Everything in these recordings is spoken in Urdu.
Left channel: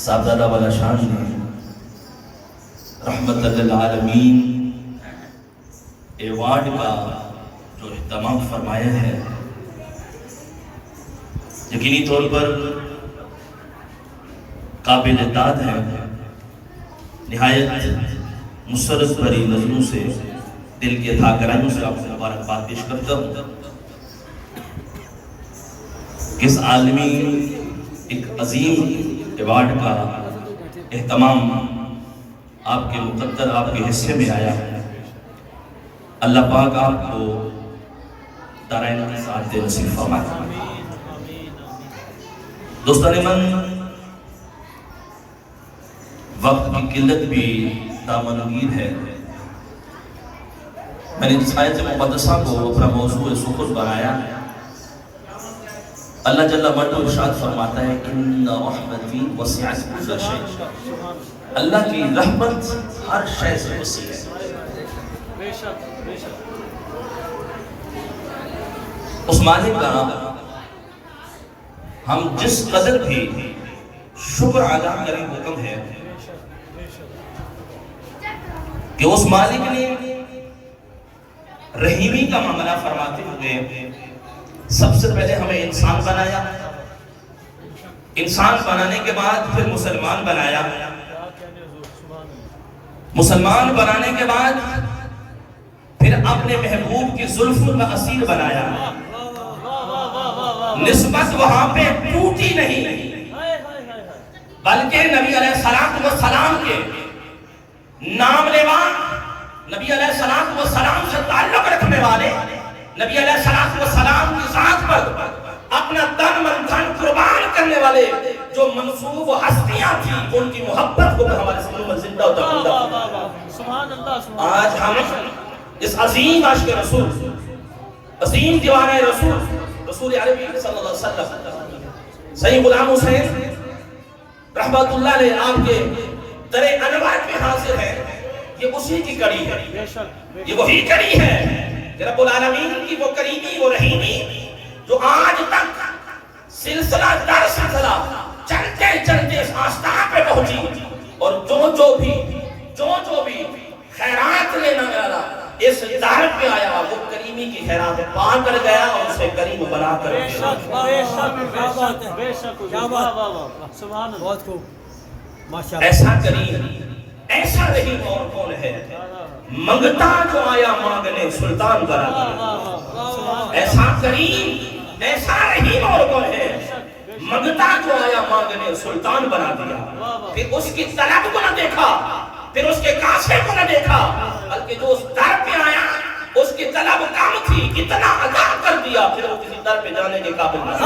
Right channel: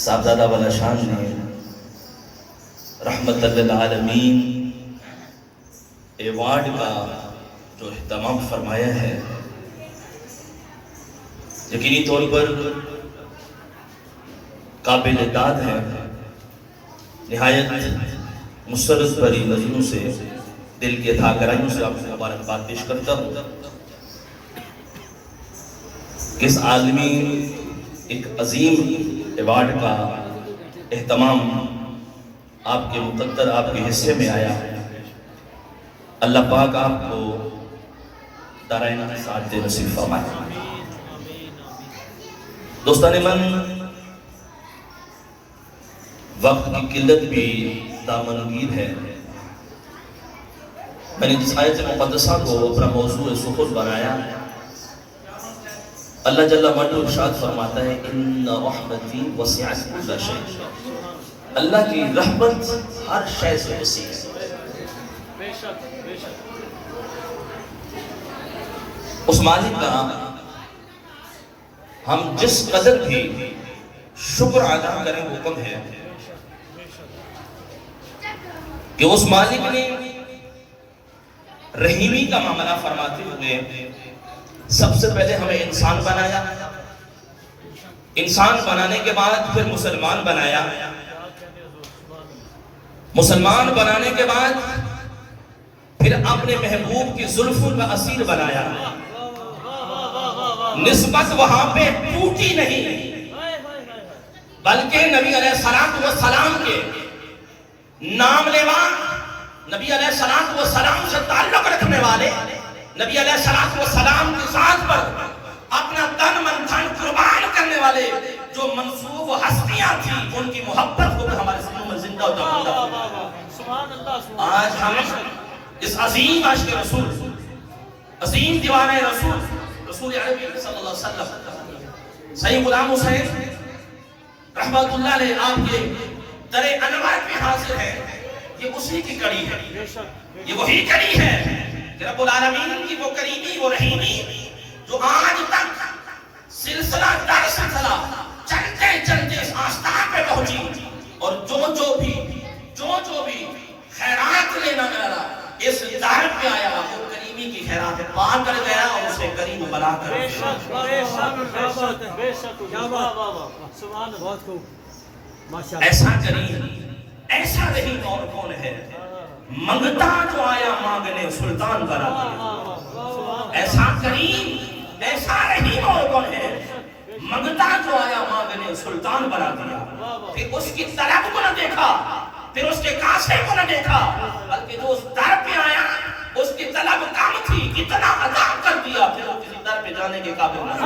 صاحبزادہ والا شان نے رحمت للعالمین ایوارڈ کا جو اہتمام فرمایا ہے، یقینی طور پر قابل داد ہے۔ نہایت مسرت بھری نظروں سے، دل کے تھا گرائیوں سے آپ کو مبارکباد پیش کرتا ہوں۔ اس عالمی ایک عظیم ایوارڈ کا اہتمام آپ کے مقدر، آپ کے حصے میں آیا۔ اللہ پاک آپ کو دارین سعادت نصیب فرمائے۔ دوستان من، وقت کی قلت بھی دامنگیر ہے۔ میں نے جس آیت مقدسہ کو اپنا موضوع سخن بنایا، اللہ جل وعلا ارشاد فرماتا ہے ان رحمتی وسعت کل شیء۔ اللہ کی رحمت ہر شے سے وسیع ہے۔ اس مالک کا ہم جس قدر بھی شکر ادا کریں وہ کم ہے کہ اس مالک نے رحیمی کا معاملہ فرماتے ہوئے سب سے پہلے ہمیں انسان بنایا، انسان بنانے کے بعد پھر مسلمان بنایا، مسلمان بنانے کے بعد پھر اپنے محبوب کی زلفوں کا اسیر بنایا۔ نسبت وہاں پہ ٹوٹی نہیں، بلکہ نبی علیہ السلام کے نام لیوا، نبی علیہ السلام سے تعلق رکھنے والے، نبی علیہ السلام کی ذات پر اپنا تن من دھن قربان کرنے والے جو منصوب ہستیاں تھیں، ان کی محبت کو ہمارے سامنے میں زندہ و جاودہ۔ آج ہم اس عظیم عاشق رسول، عظیم دیوانہ رسول، رسول عربی صلی اللہ علیہ وسلم سید غلام حسین رحمت اللہ علیہ آپ کے در انوار میں حاضر ہے۔ یہ اسی کی کڑی ہے، یہ وہی کڑی ہے کہ رب العالمین کی وہ کریمی، وہ رحیمی جو آج تک سلسلہ در سلسلہ چلتے چلتے اس آستان پہ پہنچی، اور جو بھی خیرات لینا گیا اس در پہ آیا، وہ کریمی کی خیرات پا کر گیا اور اسے کریم بنا کر گیا۔ ایسا کریم، ایسا رحیم اور کون ہے؟ منگتا جو آیا مانگنے سلطان بنا دیا۔ ایسا کریم، ایسا رحیم اور کون ہے؟ منگتا جو آیا مانگنے سلطان بنا دیا۔ پھر اس کی طلب کو نہ دیکھا، پھر اس کے کاسے کو نہ دیکھا، بلکہ جو اس در پہ آیا اس کی طلب کم تھی، اتنا عطا کر دیا، پھر وہ کسی در پہ جانے کے قابل نہیں،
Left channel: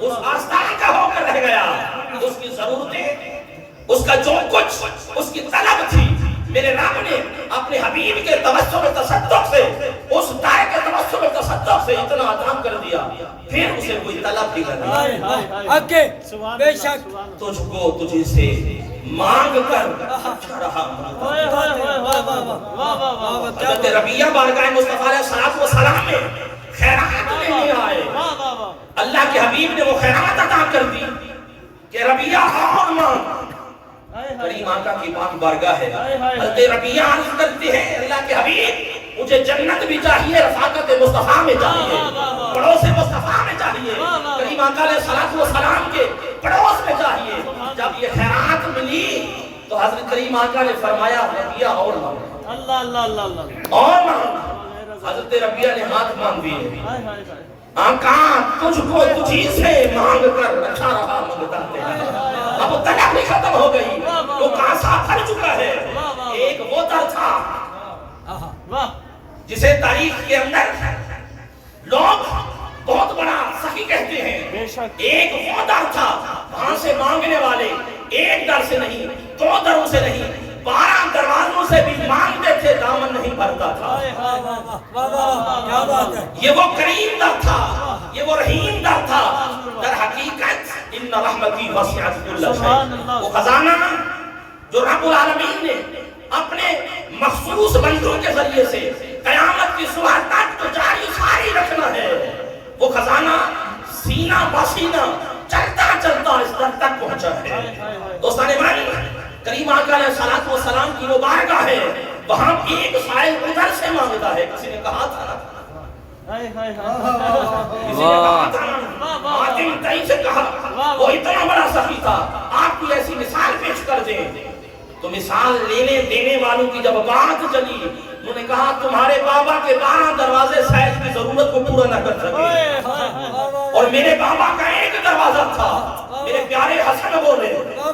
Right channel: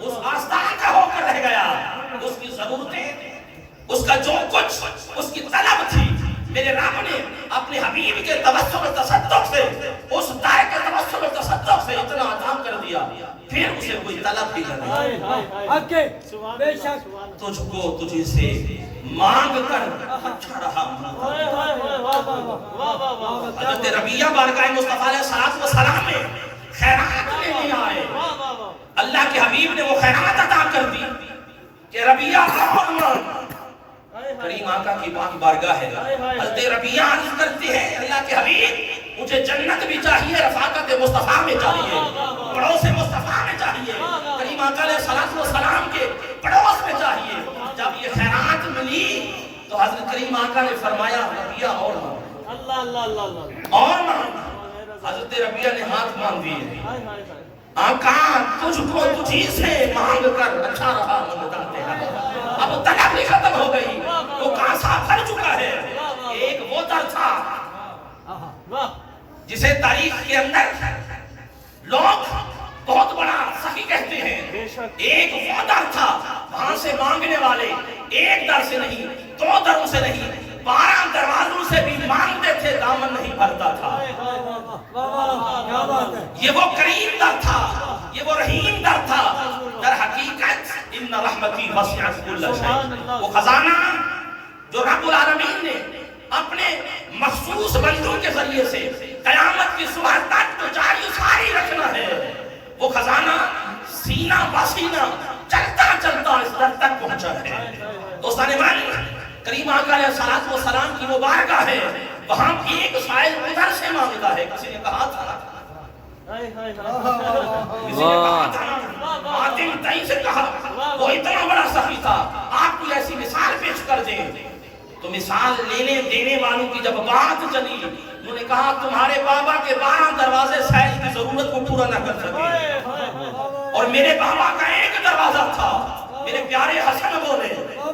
اس آستان کا ہو کر رہ گیا۔ اس کی ضرورتیں، اس کا جو کچھ اس کی طلب تھی، میرے رب نے اپنے حبیب کے توسل و تصدق سے، اس دائے کے توسل و تصدق سے اتنا عطا کر دیا، پھر اسے کوئی طلب بھی کرنا۔ بے شک تجھ کو تجھے سے مانگ کر اچھا رہا۔ حضرت ربیہ بارگاہ مصطفیٰ علیہ السلام میں خیرات لینے آئے، اللہ کے حبیب نے وہ خیرات عطا کر دی کہ ربیہ اور مانگ۔ کریم آقا کی پاک بارگاہ ہے، حضرت ربیہ عرض کرتے ہیں اللہ کے حبیب مجھے جنت بھی چاہیے، رفاقت مصطفیٰ میں چاہیے، پڑوس مصطفیٰ میں چاہیے، کریم آقا علیہ السلام کے پڑوس میں چاہیے۔ جب یہ خیرات ملی تو حضرت کریم آقا نے فرمایا ربیہ اور مانگ، اور مانگ۔ حضرت ربیہ نے ہاتھ مانگ دیے، آقا تجھ کو تجھی سے مانگ کر اچھا رہا منگتا تیرا۔ اب طلب بھی ختم ہو گئی، وہ کاسا بھر چکا ہے۔ ایک وہ در تھا جسے تاریخ کے اندر لوگ بہت بڑا سخی کہتے ہیں۔ ایک وہ در تھا وہاں سے مانگنے والے ایک در سے نہیں، دو دروں سے نہیں، 12 دروازوں سے بھی مانگتے تھے، دامن نہیں بھرتا تھا۔ یہ وہ کریم در تھا، یہ وہ رحیم در تھا۔ در حقیقت ان رحمتی وسعت کل شیء، وہ خزانہ جو رب العالمین نے اپنے مخصوص بندوں کے ذریعے سے قیامت کی صبح تک تو جاری ساری رکھنا ہے، وہ خزانہ سینہ بسینہ چلتا چلتا اس در تک پہنچا ہے۔ دوستان من، کریم آقا علیہ الصلوۃ والسلام کی وہ بارگاہ ہے، وہاں ایک سائل ادھر سے مانگتا ہے۔ کسی نے کہا تھا نا، ماتم تئی سے کہا، وہ اتنا بڑا سخی تھا، آپ کی ایسی مثال پیش کر دیں۔ تو مثال لینے دینے والوں کی جب بات چلی، انہوں نے کہا تمہارے بابا کے 12 دروازے سائل کی ضرورت کو پورا نہ کر سکے، اور میرے بابا کا ایک دروازہ تھا۔ میرے پیارے حسن بولے، میرے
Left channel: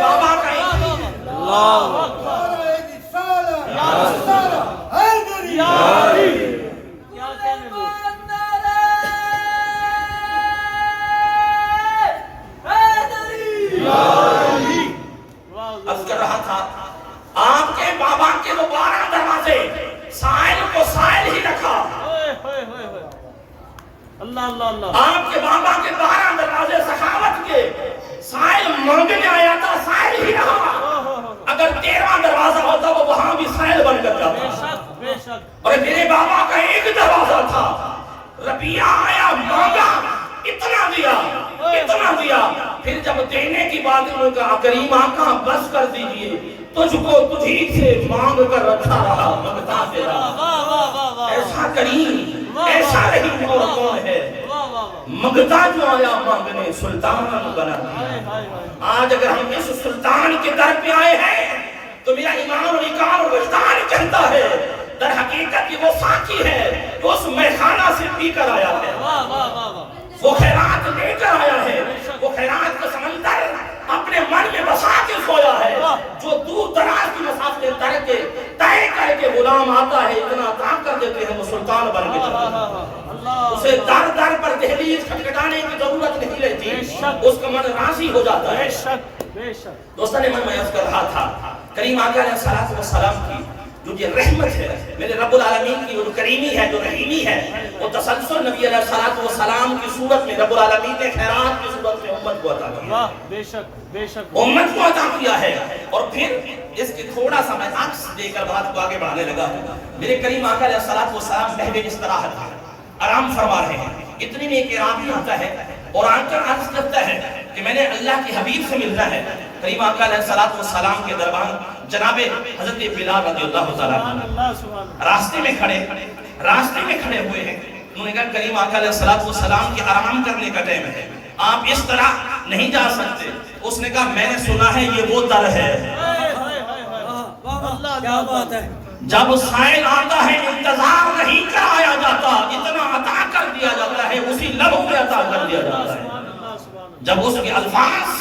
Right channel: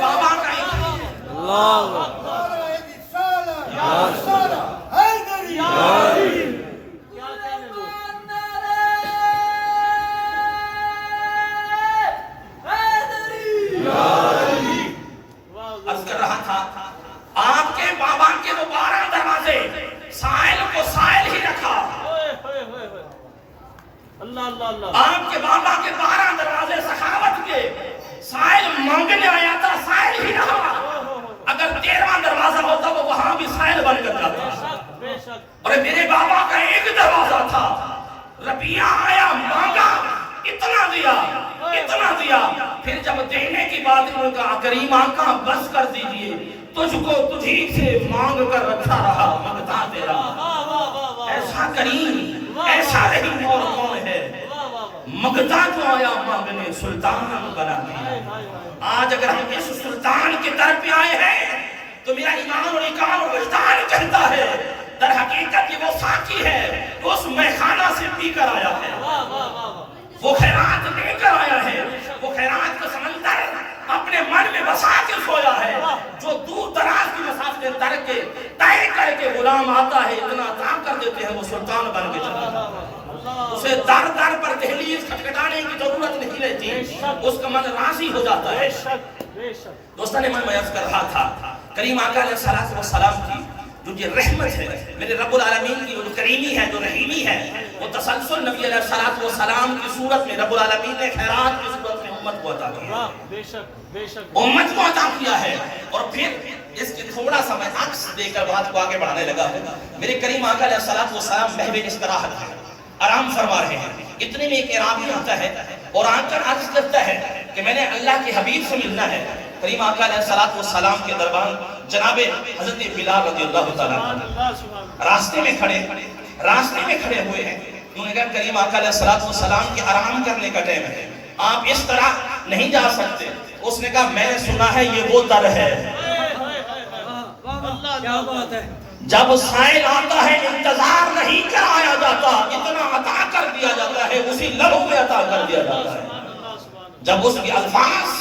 بابا کا ایک عرض کر رہا تھا، آپ کے بابا کے وہ 12 دروازے، سائل کو سائل ہی رکھا۔ آپ کے بابا کے 12 دروازے سخاوت کے، سائل مانگنے آیا تھا، سائل ہی رہا۔ اگر 13واں دروازہ ہوتا وہ وہاں بھی سائل بن کر جاتا۔ اور میرے بابا کا ایک دروازہ تھا، ربیہ آیا، مانگا، اتنا دیا، اتنا دیا۔ پھر جب دینے کی بات انہوں نے کہا کریم آقا بس کر دیجئے، تجھ کو تجھی سے مانگ کر رکھا رہا، مانگتا تیرا۔ ایسا کریم، ایسا رحیم اور کون ہے، مانگتا جو آیا مانگنے سلطان بنا دیا۔ آج اگر ہم اس سلطان کے در پہ آئے ہیں تو میرا ایمان اور اقرار اور وجدان کہتا ہے در حقیقت یہ وہ ساقی ہے، وہ اس میخانہ سے پی کر آیا ہے، وہ خیرات لے کر آیا ہے، وہ خیرات کا سمندر اپنے من میں بسا کے سویا ہے۔ جو دور دراز کی مسافت طے کر کے غلام آتا ہے، اتنا عطا کر دیتے ہیں، وہ سلطان بن کے چلا ہے۔ اسے در در پر دہلیز کھٹکھٹانے کی ضرورت نہیں رہتی، اس کا من راضی ہو جاتا ہے۔ دوستان میں عرض کر رہا تھا، کریم آقا علیہ الصلوۃ والسلام کی جو یہ رحمت ہے، میرے رب العالمین کی جو کریمی ہے، جو رحیمی ہے، وہ تسلسل نبی علیہ الصلوۃ والسلام کی صورت میں رب العالمین نے خیرات کی صورت میں امت کو عطا کیا ہے، امت کو عطا کیا ہے۔ اور پھر اس کی تھوڑا سا میں عکس دے کر بات کو آگے بڑھانے لگا۔ میرے کریم آقا علیہ الصلوۃ والسلام محو استراحت ہے، آرام فرما رہے ہیں۔ اتنے میں ایک اعرابی آتا ہے اور آ کر عرض کرتا ہے کہ میں نے اللہ کے حبیب سے ملنا ہے۔ کریم آقا علیہ الصلوۃ والسلام کے دربان جناب حضرت بلال رضی اللہ تعالیٰ راستے میں کھڑے ہوئے ہیں۔ انہوں نے کہا کریم آقا علیہ الصلوۃ والسلام کے آرام کرنے کا ٹائم ہے، آپ اس طرح نہیں جا سکتے۔ اس نے کہا میں نے سنا ہے یہ وہ در ہے، کیا بات ہے، جب سائل آتا ہے انتظار نہیں کرایا جاتا، اتنا عطا کر دیا جاتا ہے، اسی لمحے عطا کر دیا جاتا ہے۔ جب اس کے الفاظ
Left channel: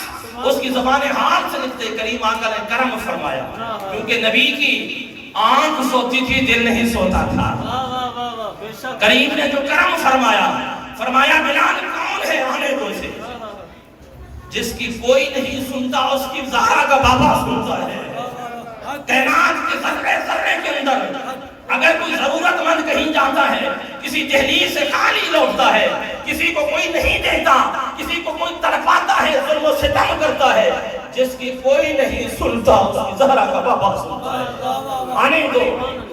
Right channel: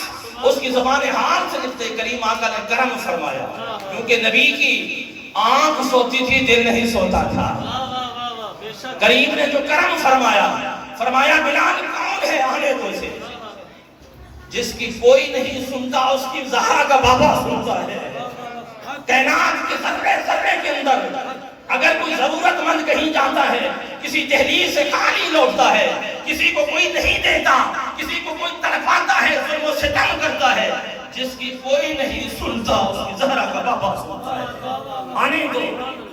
اس کی زبان حال سے نکلتے، کریم آقا نے کرم فرمایا، کیونکہ نبی کی آنکھ سوتی تھی، دل نہیں سوتا تھا۔ کریم نے جو کرم فرمایا بلال کون ہے آنے دو اسے، جس کی کوئی نہیں سنتا اس کی زہرا کا بابا سنتا ہے۔ کائنات کے ذرے ذرے کے اندر اگر کوئی ضرورت مند کہیں جاتا ہے، کسی دہلیز سے خالی لوٹتا ہے، کسی کو کوئی نہیں دیتا، کسی کو کوئی تڑپاتا ہے، ظلم و ستم کرتا ہے، جس کی کوئی نہیں سنتا اس کی زہرا کا بابا سنتا ہے، آنے دو۔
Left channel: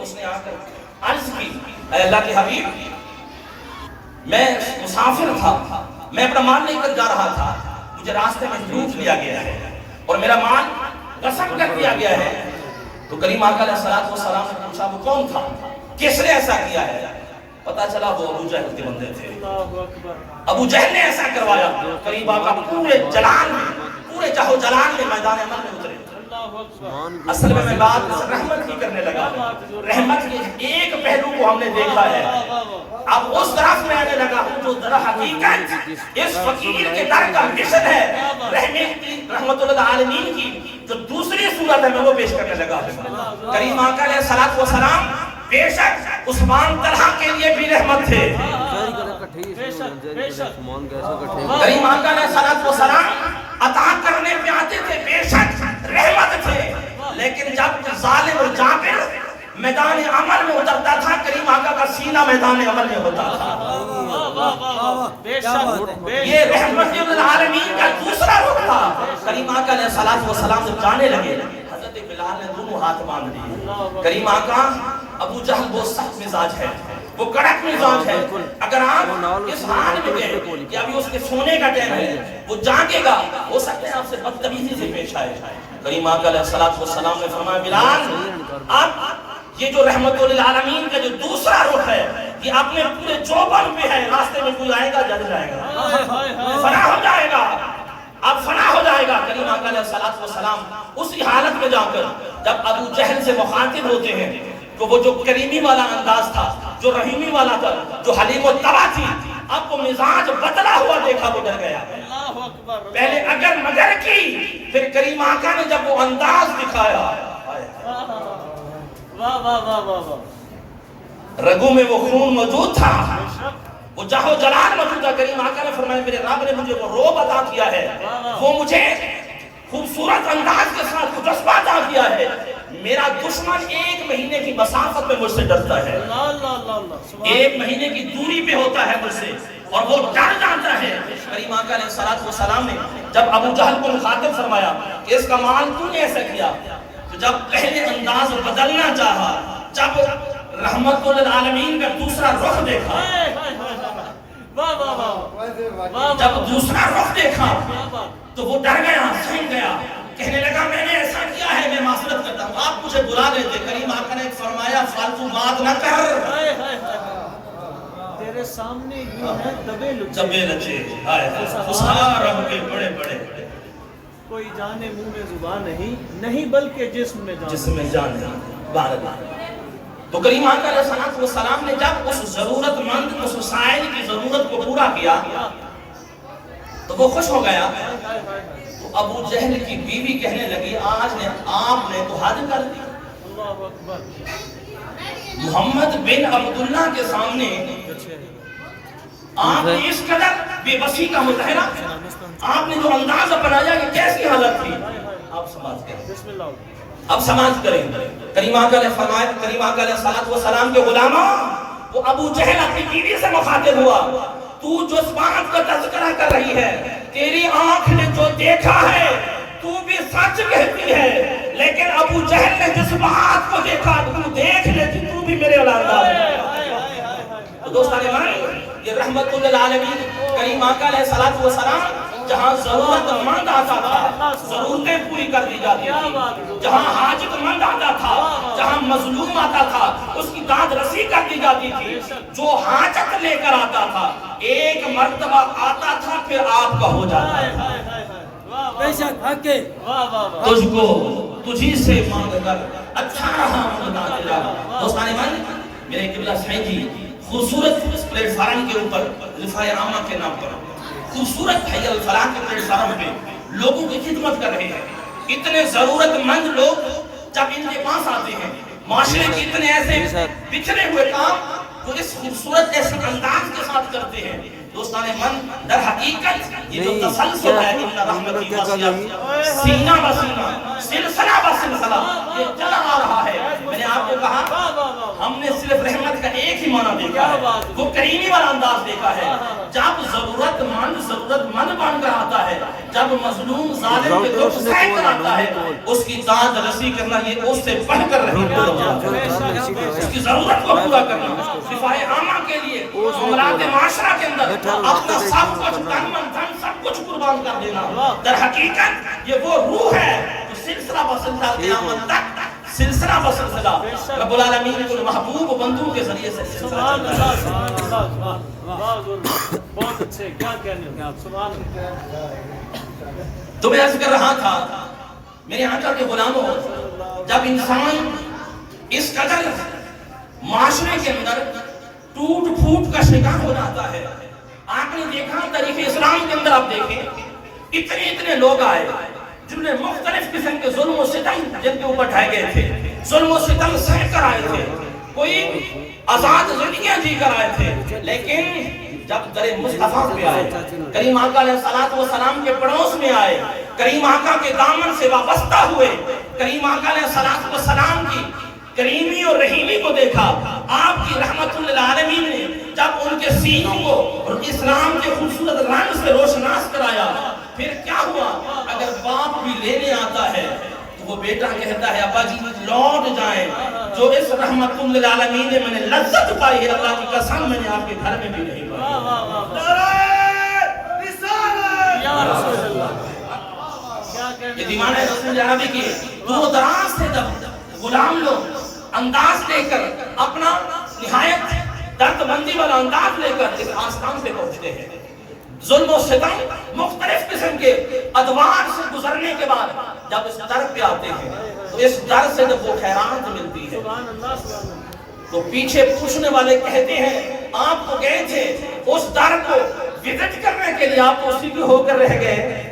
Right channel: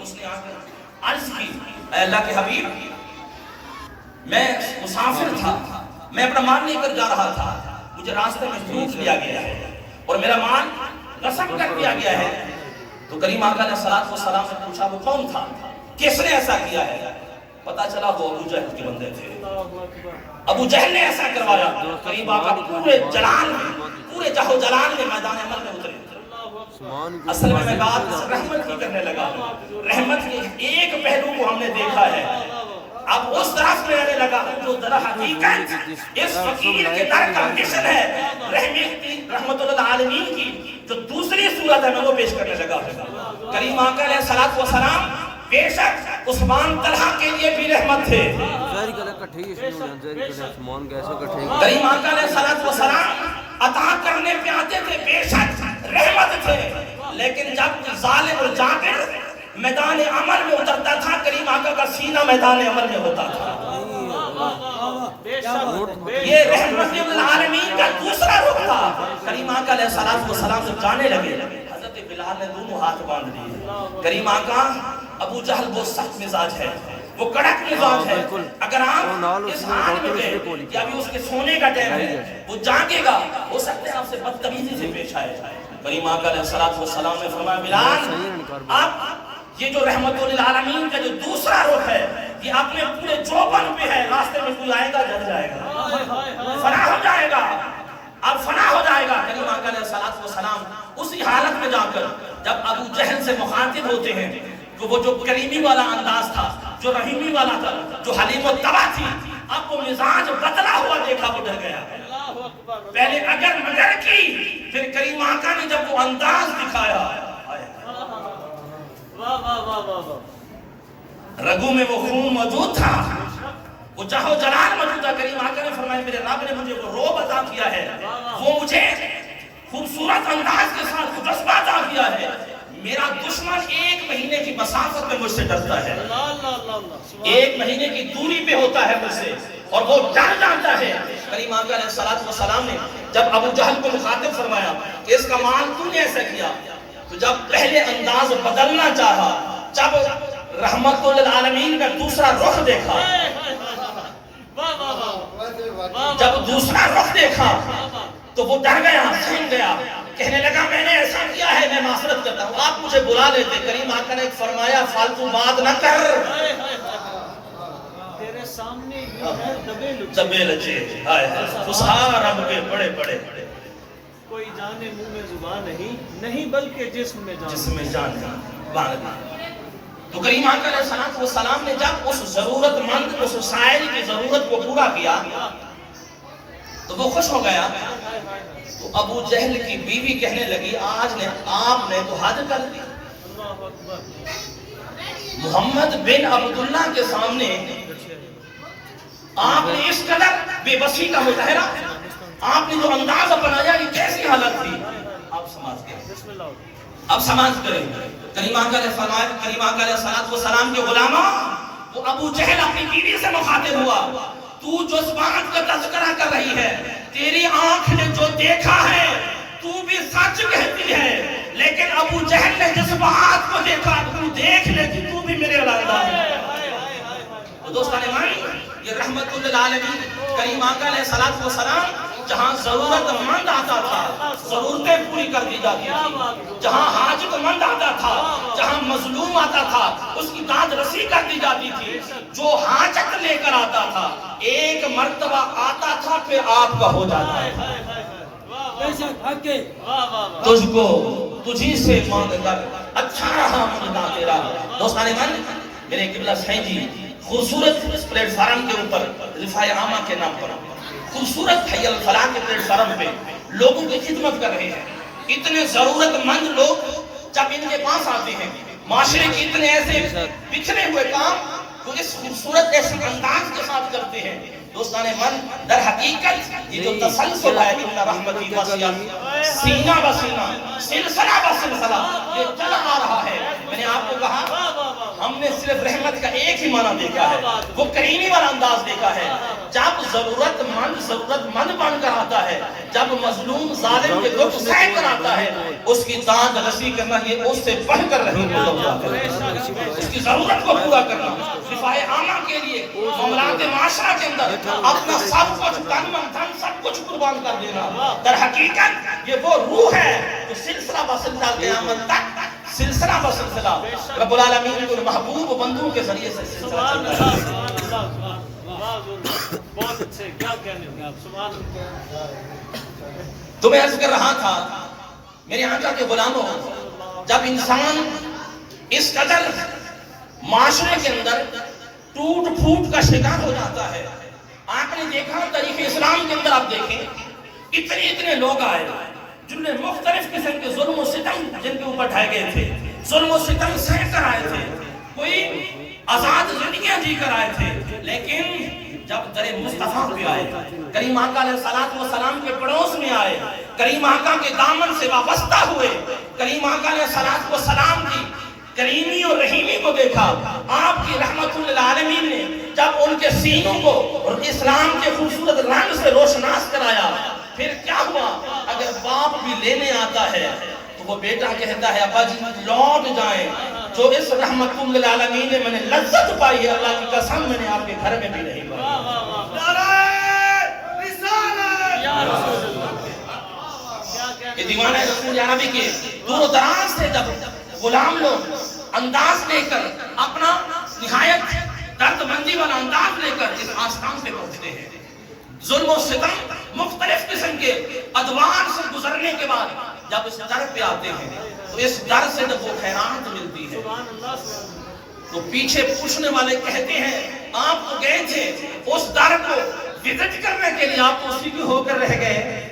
اس نے آ کر عرض کی اے اللہ کے حبیب، میں مسافر تھا، میں اپنا مال لے کر جا رہا تھا، مجھے راستے میں لوٹ لیا گیا ہے اور میرا مال غصب کر دیا گیا ہے۔ تو کریم آقا علیہ الصلوۃ والسلام نے پوچھا وہ کون تھا، کس نے ایسا کیا ہے؟ پتا چلا وہ ابو جہل کے بندے تھے، ابو جہل نے ایسا کروایا۔ کریم آقا پورے جلال میں، پورے جہو جلال میں میدان عمل میں اترے۔ اصل میں بات رحمت کی کرنے لگا، رحمت کی ایک پہلو کو ہم نے دیکھا ہے، اب اس طرف میں آنے لگا جو در حقیقت اس فقیر کے در کا مشن ہے، رحمت للعالمین کی جو دوسری صورت ہے میں وہ پیش کرنے لگا۔ کریم آقا علیہ الصلوۃ والسلام بے شک عثمان طلحہ کے لیے بھی رحمت تھے، کریم آقا علیہ الصلوۃ والسلام عطا کرنے پہ آتے تھے، بے شک رحمت تھے، لیکن جب ظالم اور جابر میدان عمل میں اترتا تھا، کریم آقا کا سینہ میدان عمل میں ہوتا تھا۔ یہ رحمت للعالمین کا دوسرا روح تھا۔ کریم آقا علیہ الصلوۃ والسلام سے جانے لگے، حضرت بلال نے دونوں ہاتھ باندھ دیے۔ کریم آقا ابو جہل بہت سخت مزاج ہے، وہ کڑک مزاج ہے. اگر آپ اس حال میں اس کہ ابھی اس کے سونے کا ٹائم ہے وہ جاگے گا, ہو سکتا ہے آپ سے بدتمیزی سے پیش آئے. کریم آقا علیہ السلام نے فرمایا بلال آپ یہ جو رحمت للعالمین کا جو دوسرا رخ ہے یہ اپنے پورے چوبن پہ ہے, راستے میں کوئی آئے گا جل جائے گا, فنا ہو جائے گا, اب فنا ہو جائے گا. کریم آقا علیہ السلام اسی حالت میں جا کر جب ابو جہل سے مخاطب ہوتے ہیں تو وہ جو کریمی والا انداز تھا, جو رحیمی والا تھا, جو حلیم و طبع تھی, اب وہ مزاج بدلا ہوا دیکھا وہ ڈر گیا. پہلے اگر مگر کی, پھر کریم آقا نے جب وہ انداز دکھایا, رگوں میں وہ خون موجود تھا, وہ جاہو جلال موجود تھا. کریم آقا نے فرمایا میرے رب نے مجھے وہ روب عطا کیا ہے, وہ مجھے خوبصورت انداز کے ساتھ جذبہ عطا کیا ہے. میرا دشمن 1 مہینے کی مسافت میں مجھ سے ڈرتا ہے, 1 مہینے کی دوری پہ ہوتا ہے مجھ سے, اور وہ ڈر جاتا ہے. کریم آقا علیہ السلام نے جب ابو جہل کو مخاطب فرمایا کہ اس کا مال تو نے ایسا کیا, تو جب پہلے انداز بدلنا چاہا, جب رحمت للعالمین کا دوسرا رخ دیکھا, جب دوسرا رخ دیکھا تو وہ ڈر گیا, سہم گیا, کہنے لگا میں نے ایسا کیا ہے, میں معذرت کرتا ہوں, آپ مجھے بلا لیتے. کریم آقا نے فرمایا فالتو بات نہ کر, تیرے سامنے ہی ہے دبے لچے خسار رب کے بڑے بڑے, کوئی جانے منہ میں زبان نہیں بلکہ جسم میں جان ہے. تو کریم آقا علیہ السلام نے جب اس ضرورت مند, اس سائل کی ضرورت کو پورا کیا تو وہ خوش ہو گیا. تو ابو جہل کی بیوی کہنے لگی آج نے آپ نے تو حد کر دی. محمد بن عبداللہ کے سامنے آپ نے اس قدر بے بسی کا مظاہرہ, آپ نے جو انداز اپنایا کہ کیسی حالت تھی, آپ سمجھ گئے, اب سمجھ کریں. کریم آقا نے فرمایا, کریم آقا علیہ السلام کے غلاموں, وہ ابو جہل اپنی بیوی سے مخاطب ہوا, تو جس بات کا تذکرہ کر رہی ہے, تیری آنکھ نے جو دیکھا ہے تو بھی سچ کہتی ہے, لیکن ابو جہل نے جس بات کو دیکھا تو دیکھ لیتی, تو بھی میرے علاقہ ہے. تو دوستان مان, یہ رحمت للعالمین کریم آقا علیہ السلام جہاں ضرورت مند آتا تھا ضرورتیں پوری کر دی جاتی تھی, جہاں حاجت مند آتا تھا, جہاں مظلوم آتا تھا اس کی داد رسی کر دی جاتی تھی. جو حاجت لے کر آتا تھا ایک مرتبہ آتا تھا پھر آپ کا ہو جاتا ہے. بے شک حق ہے. تجھ کو تجھی سے مانگ کر اچھا رہا مانگنا تیرا. دوستان من, میرے قبلہ سائیں جی خوبصورت اس پلیٹ فارم کے اوپر رفاع عامہ کے نام پر خوبصورت حی الفلاح کے پلیٹ فارم پہ لوگوں کی خدمت کر رہے ہیں. اتنے ضرورت مند لوگ جب ان کے پاس آتے ہیں, معاشرے کے اتنے ایسے بکھرے ہوئے کام تو اس خوبصورت ایسے انداز کے ساتھ کرتے ہیں. دوستان من, در حقیقت یہ جو تسلسل ہے ان رحمتی وسیعت, سینہ بسینہ, سلسلہ بسلسلہ یہ چلا آ رہا ہے. میں نے آپ کو کہا ہم نے صرف رحمت کا ایک ہی معنی دیکھا ہے, وہ کریمی والا انداز دیکھا ہے. جب ضرورت مند بن کر آتا ہے, جب مظلوم ظالم کے دکھ سہ کر آتا ہے, اس کی داد رسی کرنا یہ اس سے بڑھ کر رہی ہے. اس کی ضرورت کو پورا کرنا, دفاع عامہ کے لیے معاملات معاشرہ کے اندر اپنا سب کچھ تن من دھن سب کچھ قربان کر دینا. در حقیقت یہ وہ روح ہے جو سلسلہ بسلسلہ قیامت تک, سلسلہ بسلسلہ رب العالمین کے محبوب بندوں کے ذریعے سے سلسلہ چلتا ہے. بہت اچھے, کیا کہنے, سبحان اللہ. تو میں عرض کر رہا تھا میرے آقا کے غلاموں, جب انسان اس قدر معاشرے کے اندر ٹوٹ پھوٹ کا شکار ہو جاتا ہے, آپ نے دیکھا تاریخ اسلام کے اندر, آپ دیکھیں اتنے لوگ آئے جن نے مختلف قسم کے ظلم و ستم جن کے اوپر ڈھائے گئے تھے, ظلم و ستم سہ کر آئے تھے, کوئی آزاد زندگیاں جی کر آئے تھے. لیکن جب در مصطفیٰ پہ آئے, کریم آقا علیہ السلام کے پڑوس میں آئے, کریم آقا کے دامن سے وابستہ ہوئے, کریم آقا علیہ السلام کی کریمی اور رحیمی کو دیکھا, آپ کی رحمت للعالمین نے جب ان کے سینوں کو اسلام کے خوبصورت رنگ سے روشناس کرایا, پھر کیا ہوا, اگر باپ بھی لینے آتا ہے تو وہ بیٹا کہتا ہے ابا جی لوٹ جائیں, جو اس رحمت للعالمین میں نے لذت پائی ہے، اللہ کی قسم میں نے آپ کے گھر میں بھی نہیں پائی۔ یہ دیوانہ رسول عربی کے دور و دراز سے جب غلام لوگ انداز لے کر اپنا نہایت درد مندی والا انداز لے کر اس آستان پہ پہنچتے ہیں، ظلم و ستم مختلف قسم کے ادوار سے گزرنے کے بعد جب اس در پہ آتے ہیں تو اس در سے جب وہ حیران ملتی ہے تو پیچھے پوچھنے والے کہتے ہیں آپ تو گئے تھے اس در کو وزٹ کرنے کے لیے، آپ تو اسی کی ہو کر رہ گئے۔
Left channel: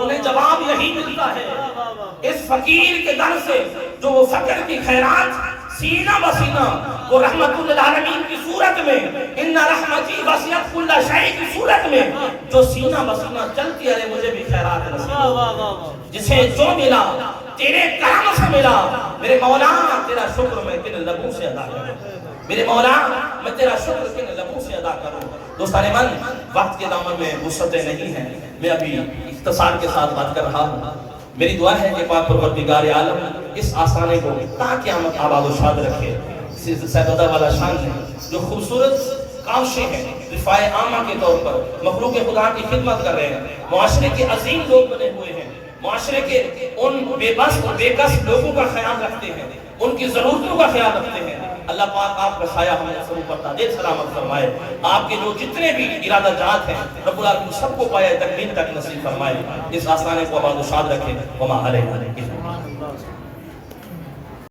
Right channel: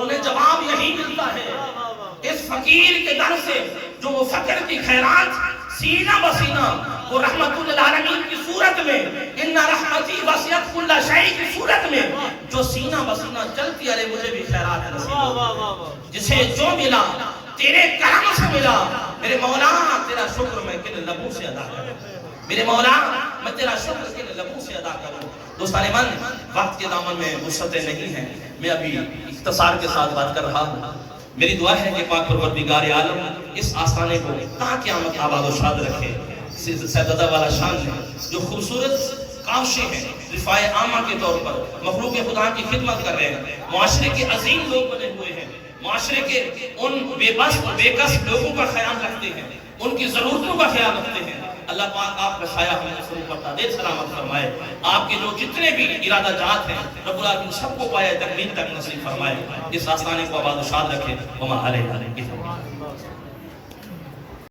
انہیں جواب یہی ملتا ہے اس فقیر کے در سے جو وہ فقر کی خیرات سینہ بسینہ وہ رحمت للعالمین کی صورت میں، ان رحمتی وسعت کل شیء کی صورت میں جو سینہ بسینہ چلتی ہے، مجھے بھی خیرات نصیب، جسے جو ملا تیرے کرم سے ملا، میرے مولا تیرا شکر میں کن لبوں سے ادا کروں، میرے مولا میں تیرا شکر کن لبوں سے ادا کروں۔ دوستان من، وقت کے دامن میں وسعتیں نہیں ہیں، میں ابھی اختصار کے ساتھ بات کر رہا ہوں۔ میری دعا ہے کہ پاک پروردگار عالم اس آستانے کو تا قیامت آباد و شاد رکھے۔ سیدہ والا شان ہے جو خوبصورت کاوشیں ہیں رفاع عامہ کے طور پر مخلوق خدا کی خدمت کر رہے ہیں، معاشرے کے عظیم لوگ بنے ہوئے ہیں، معاشرے کے ان بے بس و بے کس لوگوں کا خیال رکھتے ہیں، ان کی ضرورتوں کا خیال رکھتے ہیں۔ اللہ پاک آپ کا سایہ ہمیں سروں پر تاج سلامت فرمائے، آپ کے جو جتنے بھی ارادہ جات ہیں رب العالمین سب کو پائے تکمیل تک نصیب فرمائے، اس آستانے کو آباد و شاد رکھے۔ وما علیہ